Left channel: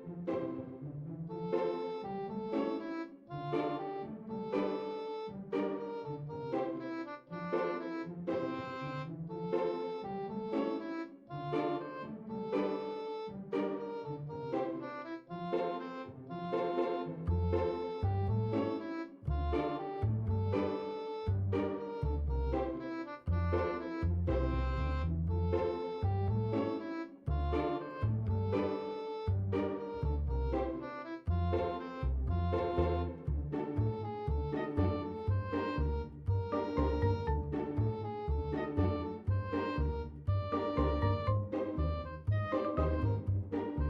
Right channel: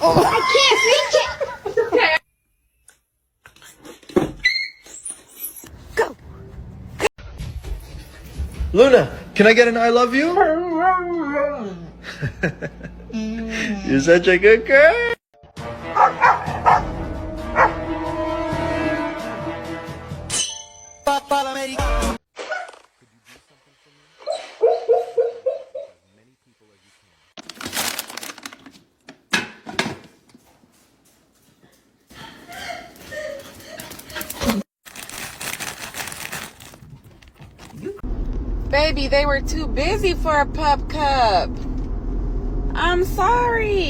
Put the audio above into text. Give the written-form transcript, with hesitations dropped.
I can't reach it. Luna, can I get an I love you? You're such a good girl. Baby, they were too busy for a pup cup. I'm sorry.